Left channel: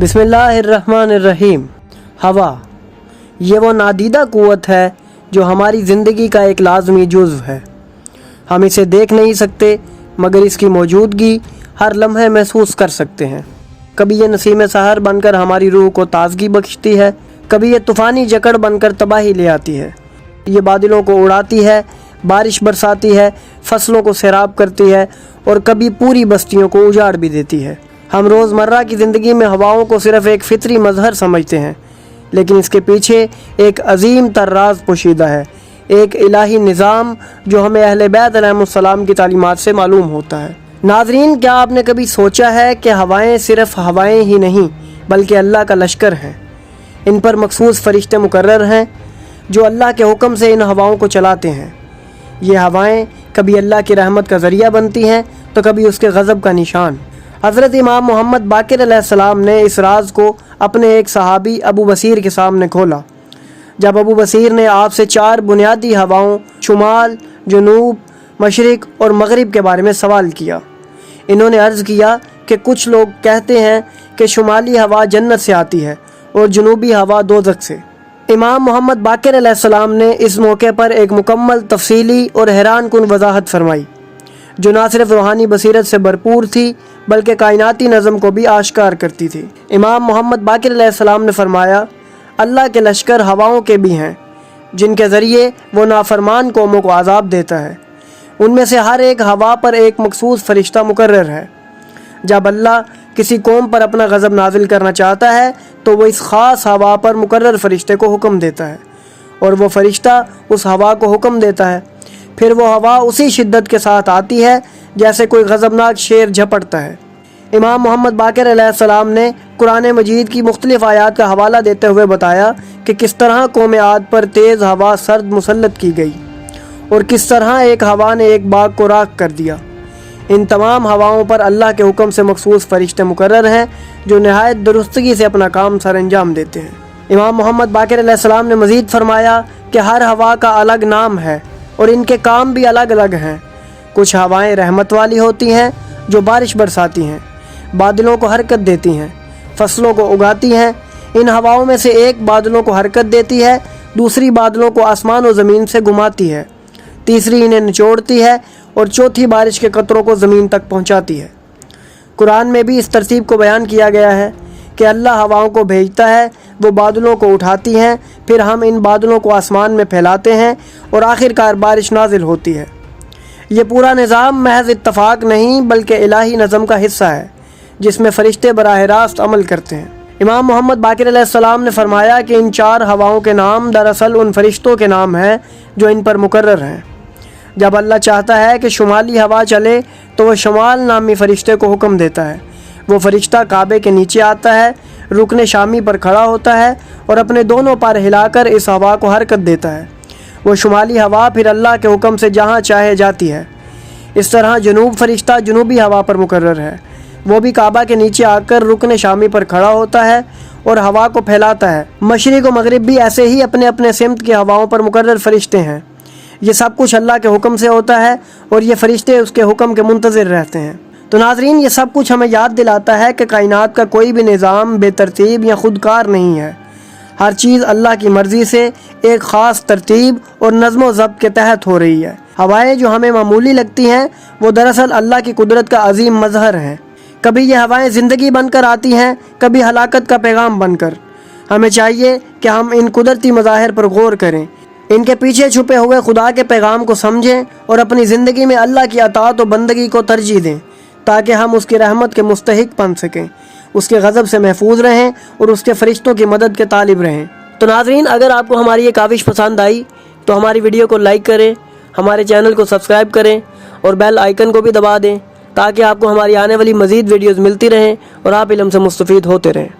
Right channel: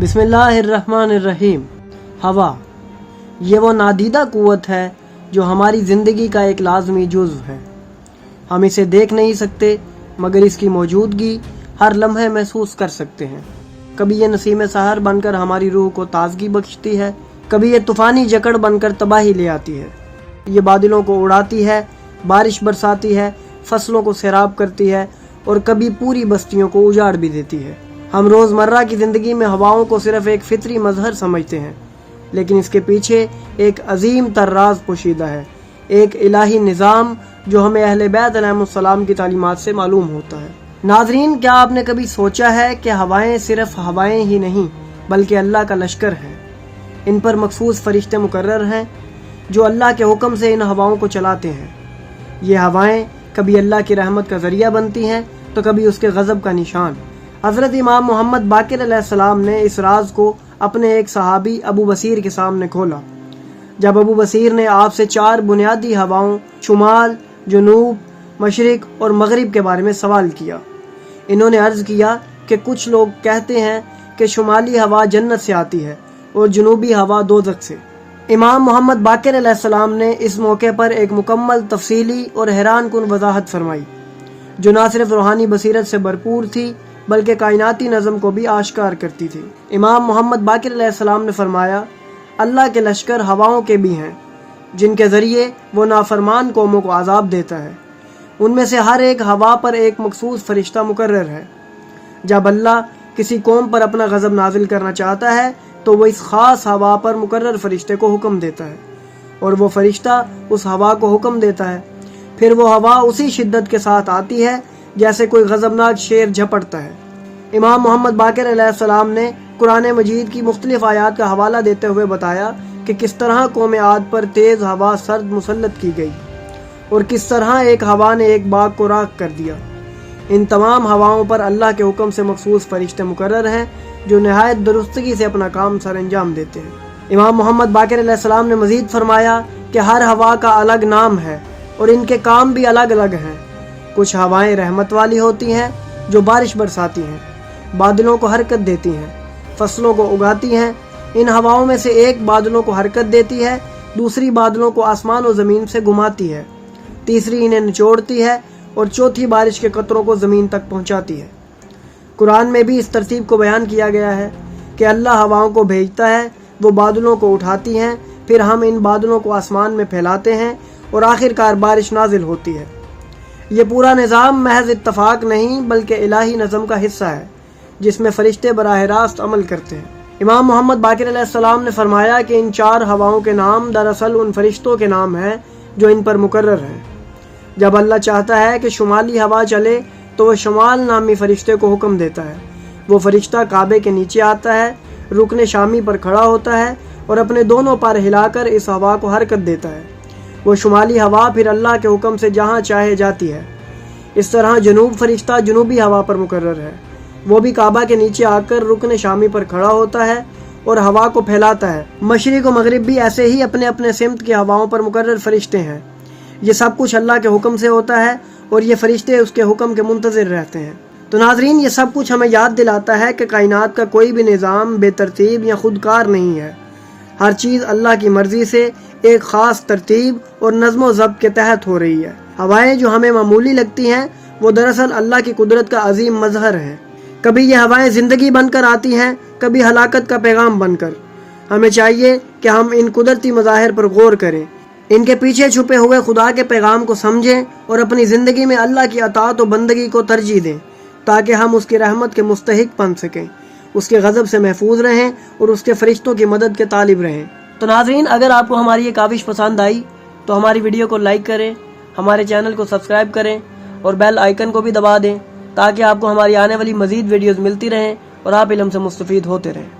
बिस्मिल्लाहिर्रहमानिर्रहीम। हवा ये वो नादीदा क़ुव्वत है जो हमारी ज़िंदगी का एक लाज़मी जुज़्व है। हम इसे देख नहीं सकते मगर इसकी मौजूदगी हर लम्हे महसूस कर सकते हैं। कभी ये नसीम सहर बनकर हमारी रूह को ताज़गी बख्शती है, कभी ये तूफ़ानी जकड़ बनकर तबाही ले आती है। ये बादलों को उड़ाती है, बारिश बरसाती है, फसलों को सैराब करती है और कभी पूरी बस्तियों को उजाड़ भी देती है। हम रोज़मर्रा की ज़िंदगी में हवाओं को सिर्फ़ एक फ़ितरी मज़हर समझते हैं, लेकिन इसके पीछे एक अजीम तर राज पोशीदा है, एक इलाही निज़ाम जो हमें अहले बैत अलैहिमुस्सलाम की तालीमात से मालूम होता है। नाज़रीन, क्या आपने कभी सोचा है कि हवाएं सिर्फ़ हवाएं ही नहीं बल्कि अल्लाह का लश्कर हैं। इन पर मखसूस फ़रिश्ते मुकर्रर हैं जो अल्लाह के हुक्म से इन हवाओं को चलाते हैं। ये हवाएं कभी अल्लाह की रहमत का ज़रिया बनती हैं तो कभी उसके गज़ब का निशान। हज़रत इमाम मोहम्मद बाक़िर अलैहिस्सलाम ने इस राज को अपने एक सहाबी अबू बसीर के सामने खोला। जब अबू बसीर ने आपसे 4 बुनियादी हवाओं शुमाल, जनूब, मशरिक़ और मग़रिब के बारे में सवाल किया। इन्होंने अर्ज़ किया कि कुछ लोग कहते हैं कि शुमाली हवा जन्नत से आती है और जनूबी हवा दोज़ख से। इमाम मोहम्मद बाक़िर अलैहिस्सलाम ने इस मौके पर एक मुकम्मल, तफसीली और हैरान कुन वज़ाहत फरमाई जो ना सिर्फ रूहानी बसीरत से भरपूर थी बल्कि कायनाती नज़म को भी आश्कार करती थी। इमाम मोहम्मद बाक़िर अलैहिस्सलाम ने फरमाया, अल्लाह के लश्कर हवाओं के भी हैं जिनके ज़रिए वो नाफरमान कौमों को आज़ाब देता है। उनमें से हर एक हवा पर एक मखसूस फ़रिश्ता मुकर्रर है। जब अल्लाह किसी कौम पर अपना गज़ब नाजिल करना चाहता है तो वो इस ख़ास हवा पर मुकर्रर फ़रिश्ते को हुक्म देता है और वो फ़रिश्ता उस हवा को हुक्म देता है। फिर वो हवा उसी शिद्दत के साथ आती है जैसे कोई गज़बनाक शेर झपटता है। इमाम मोहम्मद बाक़िर अलैहिस्सलाम ने कुरान मजीद की मुख्तलिफ़ आयात का हवाला देते हुए बताया कि किस तरह कौम आद पर तेज़ हवा सर्द मुसल्लत की गई और किस तरह एक हवा ने एक बाग को राख कर दिया। इन तमाम हवाओं पर अल्लाह के हुक्म से मखसूस फ़रिश्ते मुकर्रर हैं जो नहायत दुरुस्तगी से अपना काम सर अंजाम देते हैं। इमाम मोहम्मद बाक़िर अलैहिस्सलाम ने मज़ीद फरमाया कि हर हवा का अलग नाम है और इनके काम भी अलग अलग हैं। कुछ हवाएं रहमत वाली होती हैं जो बारिश बरसाती हैं, बादलों को हरकत देती हैं, फसलों को उगाती हैं। इन हवाओं में से एक बादलों को हरकत देती है, दूसरी बादलों को आसमान और ज़मीन से घुमाती है, तीसरी इन्हें निचोड़ती है और चौथी बारिश के कतरों को ज़मीन तक पहुंचाती है। कुरान में भी इस तरतीब को बयान किया गया है कि अल्लाह हवाओं को भेजता है, वो बादलों को उठाती हैं, फिर हम इन बादलों को आसमान में फैलाते हैं और आखिरकार बारिश नाजिल होती है। ये पूरा निज़ाम महज इत्तफाक नहीं बल्कि इलाही नज़म का हिस्सा है जिसमें फ़रिश्ते बराह रास्त अमल करते हैं। इमाम मोहम्मद बाक़िर अलैहिस्सलाम ने फरमाया कि इन 4 हवाओं के नाम दरअसल उन फ़रिश्तों के नाम हैं जो इन पर मुकर्रर हैं। जब अल्लाह चाहता है कि शुमाली हवा चले तो वह शमाल नामी फ़रिश्ते को हुक्म देता है। वो फ़रिश्ता काबे के नीचे आता है, रुकने शामी पर खड़ा होता है और अपने दोनों पैर हिलाकर इस हवा को हरकत देता है। वो शुमाली हवा फिर अल्लाह के हुक्म से जहाँ चाहे जाती है। इस तरह जनूब फ़रिश्ता जनूबी हवा पर मुकर्रर है। वो भी काबा के नीचे आकर रुकने शामी पर खड़ा होता है और हवा को फैलाता है। मशरिक़ और मग़रिब भी ऐसे ही अपने अपने सिमत की हवाओं पर मुकर्रर फ़रिश्ते हैं। ये सब कुछ अल्लाह के हुक्म से होता है और ये फ़रिश्ते उसके हुक्म के मुंतज़िर रहते हैं। तो नाज़रीन, ये सब कुछ हमें याद दिलाता है कि कायनात का कोई भी निज़ाम बेतरतीब या खुदकार नहीं है। हर चीज़ अल्लाह की मर्ज़ी से एक ख़ास तरतीब और नज़्म व ज़ब्त के तहत हो रही है। हवाएं जो हमें मामूली लगती हैं वो दरअसल अल्लाह की कुदरत का अजीम मज़हर हैं। कभी ये हवाएं ज़िंदगी बनकर आती हैं, कभी हलाकत का पैगाम बनकर। हमें चाहिए कि हम इन कुदरती मज़ाहिर पर गौर करें, इनके पीछे छुपे हुए खुदा के पैगाम को समझें और अपनी ज़िंदगी में अल्लाह की अताअत और बंदगी को तरजीह दें ताकि हम उसकी रहमत के मुस्तहिक बन सकें, उसके गज़ब से महफूज रहें और उसके फ़रिश्तों की मदद के तालिब रहें। तो नाज़रीन, अगर आपको हमारी ये काविश पसंद आई तो हमारी वीडियो को लाइक करें, हमारे चैनल को सब्सक्राइब करें और बेल आइकन को भी दबा दें ताकि आपको हमारी आने वाली मज़ीद वीडियोज़ मिलती रहें और आप इल्म से मुस्तफ़ीद होते रहें।